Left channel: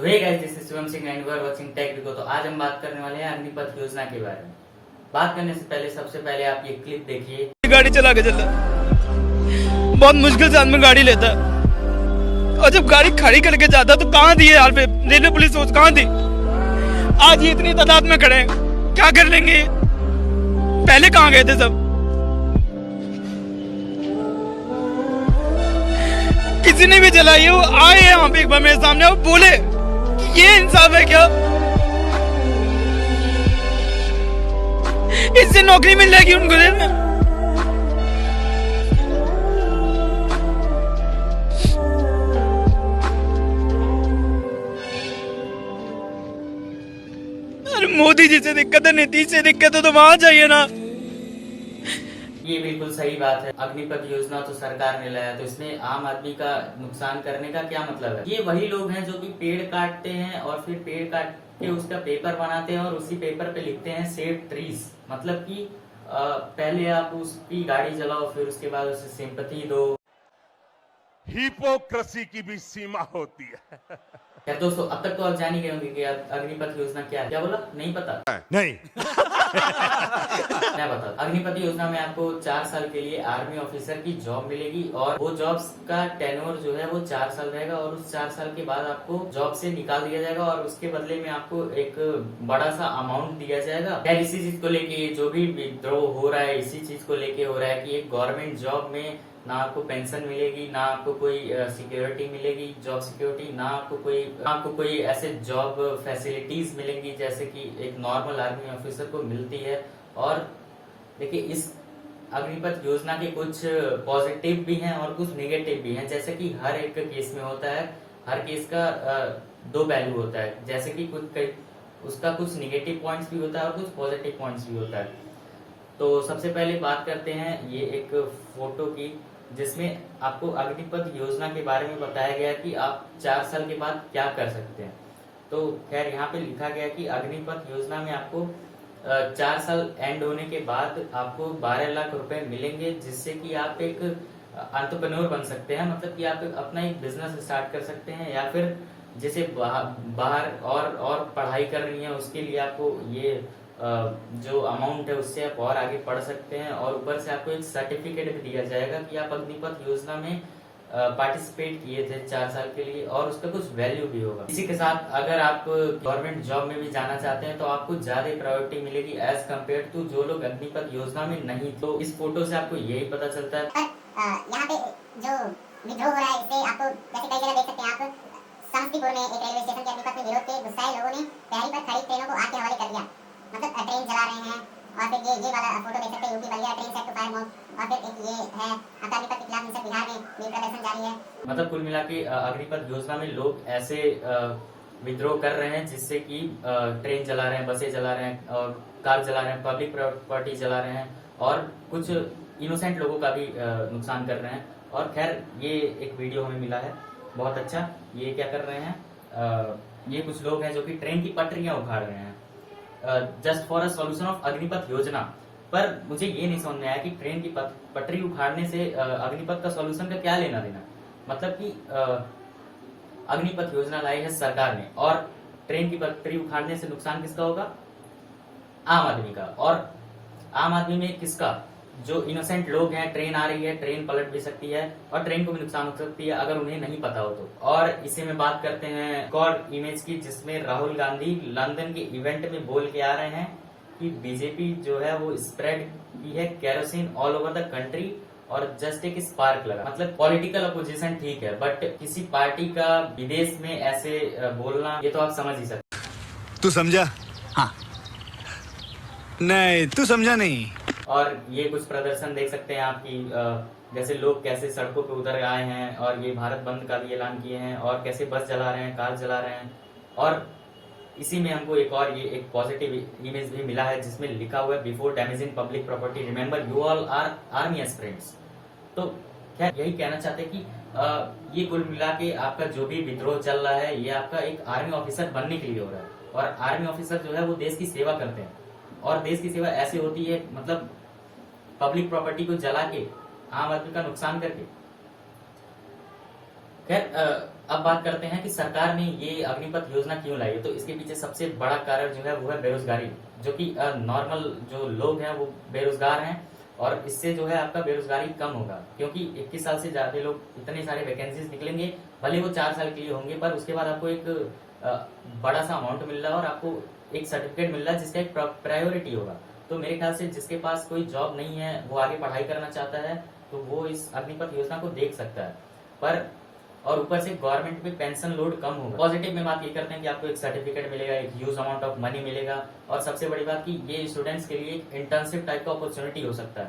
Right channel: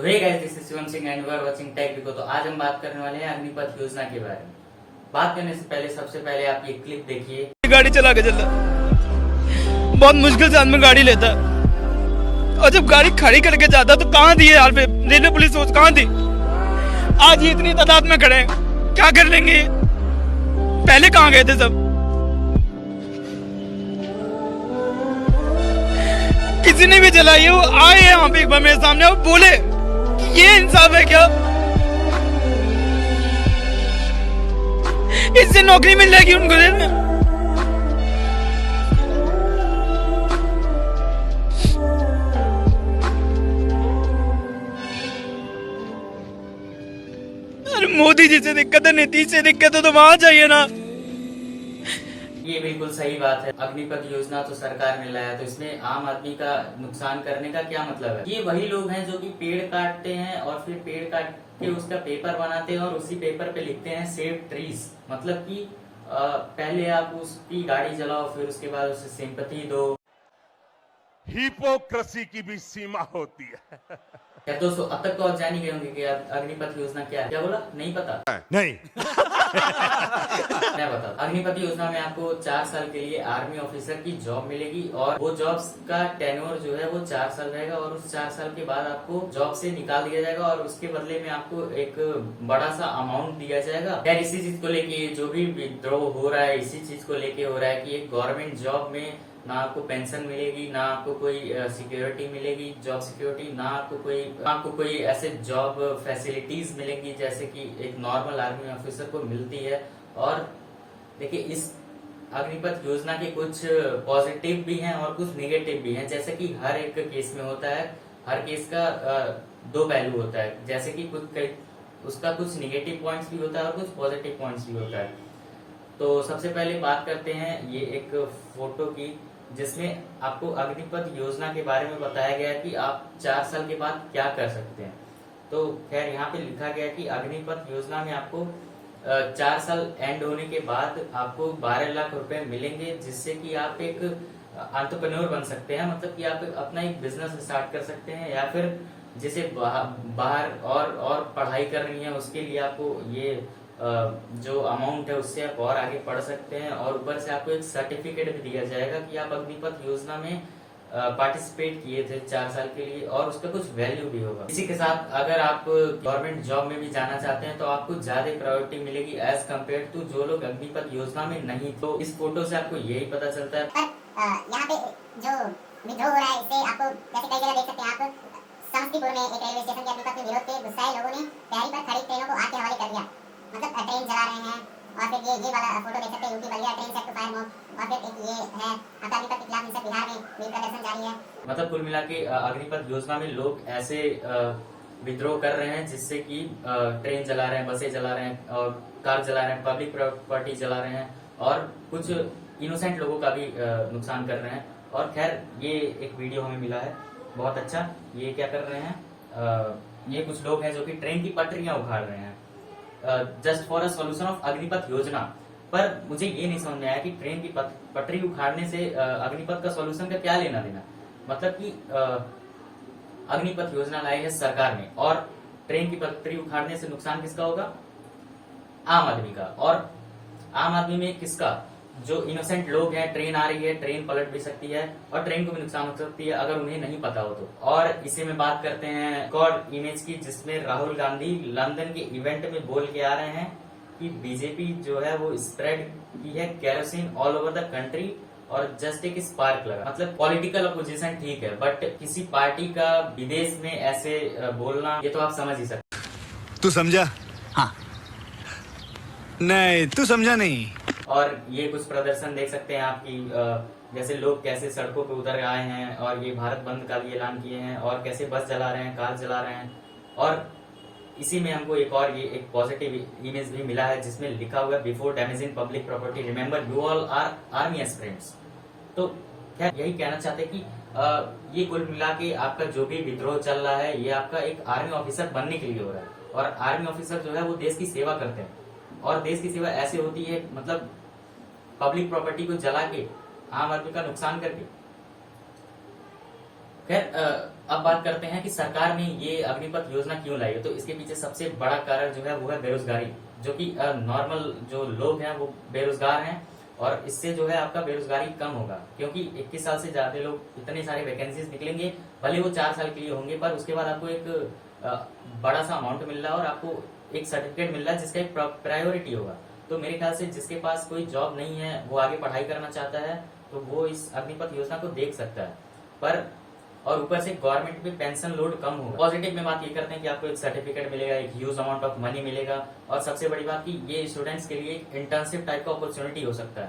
Hey guys, this is Shivam Singh and you are watching tech Biko. तो आज हम बात करने वाले हैं अग्निपथ योजना के बारे में। बात करने से पहले सबसे पहले आप ये क्लिप देखिए। गाड़ी चला के चलता, बहुत मुश्किल से आदमी गाड़ी लेता, और जब गाड़ी खड़ी करके जाता तो कहाँ थी यार पे रेलवे पुलिस फोर्स, कहाँ थी? आज ये इतनी तादाद में खड़े हैं, क्या कर लेंगे? पहले कहाँ गए थे सब? किसी ने भी चलाई है, वो आए यहाँ पे एक बार मेरे सामने और बोले ये इंसाफ है क्या? इससे नौकरी मिल जाएगी उनको देर में। अरे मोदी जी से दिक्कत है, नीतीश से दिक्कत है तो वहां जाइए ना। ये बिल्कुल सही बात है। अग्निपथ योजना तो सरकार ने लाया, तो इसमें आम आदमी का नुकसान करने का क्या मतलब है? ये वही लोग हैं जो कि पेड़ काटते हैं और फिर पेड़ काट के उसका पेपर बनाते हैं और उसी पेपर पे लिखते हैं सेव ट्रीज। मतलब कि पहले आप उसकी गाड़ी चलाओ, फिर उसके बाद उसे सिंपैथी दो। हिपोक्रेसी की भी सीमा होती है। क्या दोस्तों, अब तक तो आप जान ही गए होंगे कि अग्निपथ योजना क्या है। क्या बोला? नहीं पता? नहीं। मैं बता, अग्निपथ योजना में आपको 4 साल के लिए आर्मी ऑफिसर की जॉब मिलेगी और वो जॉब्स का टेन्योर जो है वो 4 साल रहेगा और उस 4 साल के बाद आपको जॉब से निकाल दिया जाएगा और उसके बदले में आपको एक बड़ा सा अमाउंट दिया जाएगा। यार इसी चीज को लेके जो भी विद्रोह हो रहा है, इसी चीज को लेके हो रहा है कि एक गवर्नमेंट जॉब में ना आपको पेंशन मिलेगी, ना आपको कोई सिक्योरिटी मिलेगी, जॉब सिक्योरिटी, ना आपको कोई ऐसे जॉब फैसिलिटीज मिलेंगी जैसे कि एक नॉर्मल आर्मी ऑफिसर को मिलती है। और देखिए, इस अग्निपथ योजना के कुछ पॉजिटिव भी हैं और कुछ नेगेटिव भी हैं। जैसे कि हर एक केस में होता है, हर केस का दो पहलू होता है। जैसे कि उसका कुछ नेगेटिव पॉइंट्स भी होता है और कुछ पॉजिटिव पॉइंट्स भी होता है। तो सबसे पहले बात करते हैं ये एक फोटो की, जिसमें आपको अग्निपथ योजना के बारे में बताया गया कि आप 4 साल के बाद क्या कर सकते हैं। तो खैर यहाँ पे लिखा गया कि अग्निपथ योजना में आपको 4 साल एंड होने के बाद आपको 12 लाख रुपए मिलेंगे, जिससे कि आप एक एंटरप्रेन्योर बन सकते हैं। मतलब कि आप अपना एक बिजनेस स्टार्ट कर सकते हैं, या फिर जैसे बाहर और पढ़ाई कर रही है उसके लिए आपको ये जो अमाउंट है उससे आप और आगे पढ़ सकते हैं। और ऊपर से आपको एक सर्टिफिकेट भी दिया जाएगा कि आप अग्निपथ योजना में पार्टिसिपेट किए थे 4 साल के लिए, और उसका कुछ वैल्यू भी होगा। इसी के साथ अगर आप गवर्नमेंट जॉब में भी जाना चाहते हैं तो आपको ज्यादा प्रायोरिटी मिलेगी एज कम्पेयर टू जो लोग अग्निपथ योजना में नहीं। तो इस फोटो से आपको यही पता चलता है। यहाँ पे जो विद्रोह हो रहा है इससे आपको जैसे कई जगह देख सकते हैं आप, समस्तीपुर में एक रेलवे स्टेशन के अग्निपथ में विरोध के गुस्साए लोगों ने तैयारी पर खड़ी ट्रेनों को आग के हवाले कर दिया। मतलब ट्रेन चला रहे हैं। और फिर ये वाला फोटो देख सकते हैं, UP Ballia train set to fire mob. और फिर एक ये है अग्निपथ के खिलाफ हिंसक बिहार में भी प्रदर्शन जारी है। मतलब कुल मिला के अग्निपथ योजना में लोग ऐसे विद्रोह कर रहे हैं जिससे कि ट्रेन चला रहे हैं, बसें चला रहे हैं और कार चला रहे हैं, पब्लिक प्रॉपर्टी चला रहे हैं और कुछ इनोसेंट लोगों का भी नुकसान कर रहे हैं। और खैर ये एक वीडियो हमें मिला है, बहुत अच्छा। ये क्या कर रहे हैं, ये कुछ लोग हैं जो कि ट्रेन की पटरियां उखाड़ रहे हैं just for a solution of Agnipath योजना। पर मुझे ये नहीं समझ में आया कि ट्रेन की पटरी उखाड़ने से अग्निपथ का सॉल्यूशन का क्या लेना देना। मतलब कि अग्निपथ योजना लाई है सरकार ने, और ट्रेन की पटरी उखाड़ने से नुकसान किसका होगा? आम आदमी का। और आम आदमी में किसका? जो इनोसेंट लोग हैं। ट्रेन आ रही है, ट्रेन पलट भी सकती है और ट्रेन को भी नुकसान हो सकती है अगर उन्हें नहीं पता हो तो। और इसी में बात करते हैं एक और इमेज की, जिसमें राहुल गांधी लंदन के इवेंट में बोल के आ रहे हैं कि बीजेपी जो है वो स्प्रेड की है kerosene all over the country और जस्ट एक स्पार्क लगा। मतलब पॉलिटिकल अपोजिशन ठीक है, बट किसी पार्टी का विदेश में ऐसे बोलना, ये तो आप समझ ही सकते। तू समझा? हाँ। नहीं, तू समझा नहीं। और ये कुछ प्रदर्शन देख सकते हैं आपकी, जैसे लोग कैसे सड़कों पर उतर आए हैं और ये भारत बंद का भी ऐलान किए हैं और कैसे बस चला रहे हैं, कार चला रहे हैं। और इसी में हमको एक और ये एक पॉजिटिव इमेज भी मिला है जिसमें लिखा हुआ है before damaging public property remember you all are army aspirants. तो खैर यही कहना चाहते हैं कि ये कुल मिला के आपका जो भी विद्रोह चल रहा है ये आपका एक आर्मी ऑफिसर बनने के लिए हो रहा है। और आर्मी ऑफिसर जो है वो देश की सेवा करते हैं, और देश की सेवा ऐसे होती है, मतलब पब्लिक प्रॉपर्टी को जला के आम आदमी का नुकसान करके। खैर अब बात करते हैं कि सरकार ने ये अग्निपथ योजना क्यों लाई है। तो इसके पीछे सबसे बड़ा कारण जो है वो है बेरोजगारी, जो कि नॉर्मल जो लोग हैं वो बेरोजगार हैं और इससे जो है आपका बेरोजगारी कम होगा, क्योंकि 21 साल से ज्यादा लोग, इतने सारे वैकेंसीज निकलेंगे, भले वो 4 साल के लिए होंगे, पर उसके बाद आपको एक बड़ा सा अमाउंट मिल रहा है और आपको एक सर्टिफिकेट मिल रहा है जिसका एक प्रायोरिटी होगा। तो मेरे ख्याल से जिसके पास कोई जॉब नहीं है, वो आगे पढ़ाई करना चाहता है, तो वो इस अग्निपथ योजना को देख सकता है। पर और ऊपर से गवर्नमेंट पे पेंशन लोड कम होगा। पॉजिटिव में बात ये करते हैं कि आपको एक सर्टिफिकेट मिलेगा, एक ह्यूज अमाउंट ऑफ मनी मिलेगा, और सबसे बड़ी बात कि ये स्टूडेंट्स के लिए इंटर्नशिप टाइप का अपॉर्चुनिटी हो सकता है।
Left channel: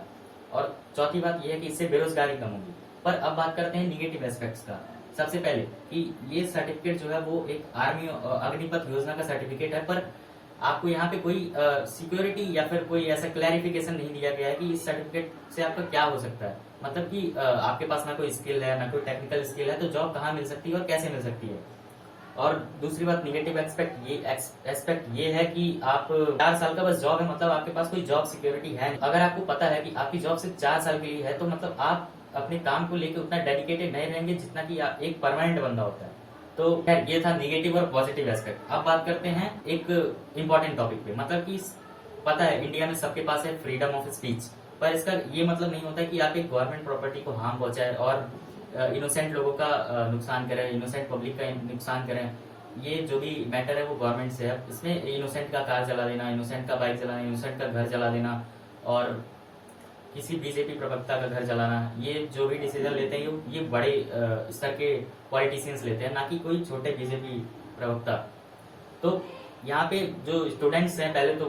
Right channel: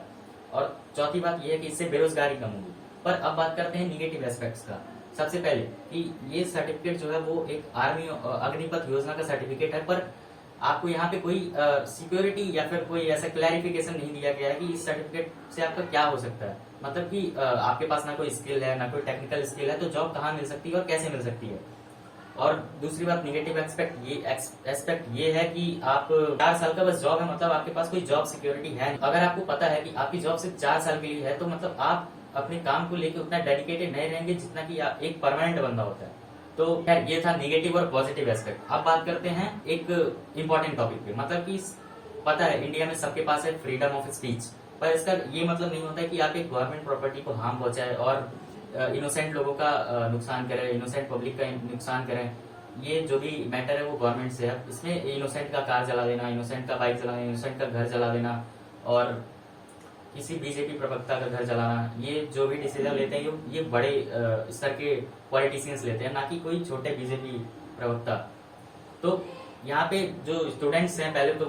और चौथी बात ये है कि इससे बेरोजगारी कम होगी। पर अब बात करते हैं निगेटिव एस्पेक्ट्स का। सबसे पहले कि ये सर्टिफिकेट जो है वो एक आर्मी अग्निपथ योजना का सर्टिफिकेट है, पर आपको यहाँ पे कोई सिक्योरिटी या फिर कोई ऐसा क्लैरिफिकेशन नहीं दिया गया है कि इस सर्टिफिकेट से आपका क्या हो सकता है। मतलब कि आपके पास ना कोई स्किल है, ना कोई टेक्निकल स्किल है, तो जॉब कहाँ मिल सकती है और कैसे मिल सकती है। और दूसरी बात निगेटिव एस्पेक्ट ये है कि आप 4 साल का बस जॉब है, मतलब आपके पास कोई जॉब सिक्योरिटी है नहीं। अगर आपको पता है कि आपकी जॉब सिर्फ 4 साल के लिए है, तो मतलब आप अपने काम को लेकर उतना डेडिकेटेड नहीं रहेंगे जितना कि एक परमानेंट बंदा होता है। तो खैर ये था निगेटिव और पॉजिटिव एस्पेक्ट। अब बात करते हैं एक इम्पोर्टेंट टॉपिक पे। मतलब कि पता है इंडिया में सबके पास है फ्रीडम ऑफ स्पीच, पर इसका ये मतलब नहीं होता कि आप एक गवर्नमेंट प्रॉपर्टी को हार्म पहुंचाए और इनोसेंट लोगों का नुकसान करे, इनोसेंट पब्लिक का नुकसान करे। ये जो भी मैटर है वो गवर्नमेंट से है। इसमें इनोसेंट का कार जला देना, इनोसेंट का बाइक जलाना, इनोसेंट का घर जला देना और किसी बीजेपी प्रवक्ता का घर जलाना, ये जो भी डिसीजन लेते हैं ये बड़े स्तर के पॉलिटिशियंस लेते हैं, ना कि कोई छोटे बीजेपी प्रवक्ता। तो यहाँ पे जो स्टूडेंट्स हैं पहले तो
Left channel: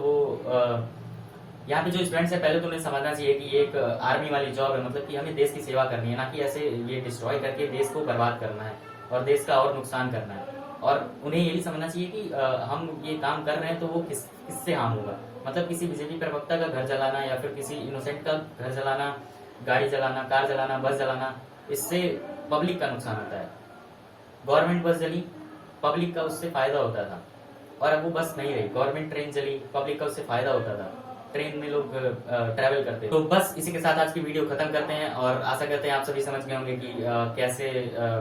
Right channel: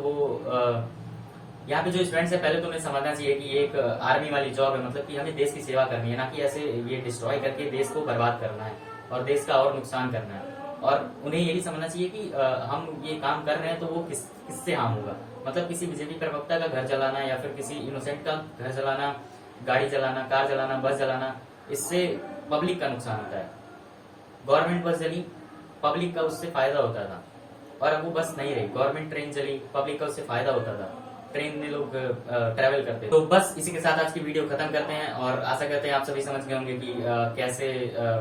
उन्हें समझना चाहिए कि ये एक आर्मी वाली जॉब है, मतलब कि हमें देश की सेवा करनी है, ना कि ऐसे ये डिस्ट्रॉय करके देश को बर्बाद करना है और देश का और नुकसान करना है। और उन्हें ये भी समझना चाहिए कि हम ये काम कर रहे हैं तो वो किससे हार्म होगा। मतलब किसी बीजेपी प्रवक्ता का घर जलाना या फिर किसी इनोसेंट का घर जलाना, गाड़ी जलाना, कार जलाना, बस जलाना, इससे पब्लिक का नुकसान होता है। गवर्नमेंट बस जली, पब्लिक का उससे फायदा होता था, और अब वो बस नहीं रही। गवर्नमेंट ट्रेन जली, पब्लिक का उससे फायदा होता था, ट्रेन में लोग ट्रैवल करते। तो बस इसी के साथ आज की वीडियो खत्म करते हैं और आशा करते हैं आप सभी समझ गए होंगे कि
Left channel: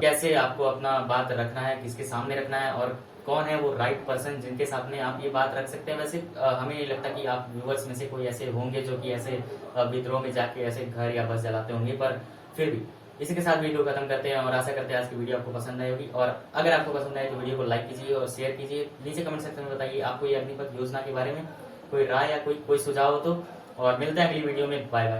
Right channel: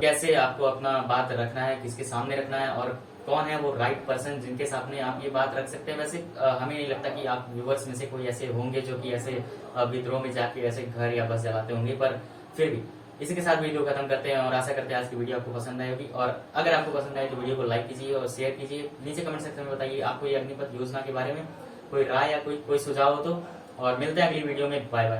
कैसे आपको अपना बात रखना है, किसके सामने रखना है और कौन है वो राइट पर्सन जिनके सामने आप ये बात रख सकते हैं। वैसे हमें नहीं लगता कि आप व्यूअर्स में से कोई ऐसे होंगे जो कि ऐसे विद्रोह में जाके ऐसे घर या बस चलाते होंगे, पर फिर भी इसी के साथ वीडियो खत्म करते हैं और आशा करते हैं आज की वीडियो आपको पसंद आई होगी। और अगर आपको पसंद आए तो वीडियो को लाइक कीजिए और शेयर कीजिए। नीचे कमेंट सेक्शन में बताइए आपको ये अग्निपथ योजना के बारे में कोई राय या कोई सुझाव हो तो। और मिलते हैं अगली वीडियो में। Bye bye.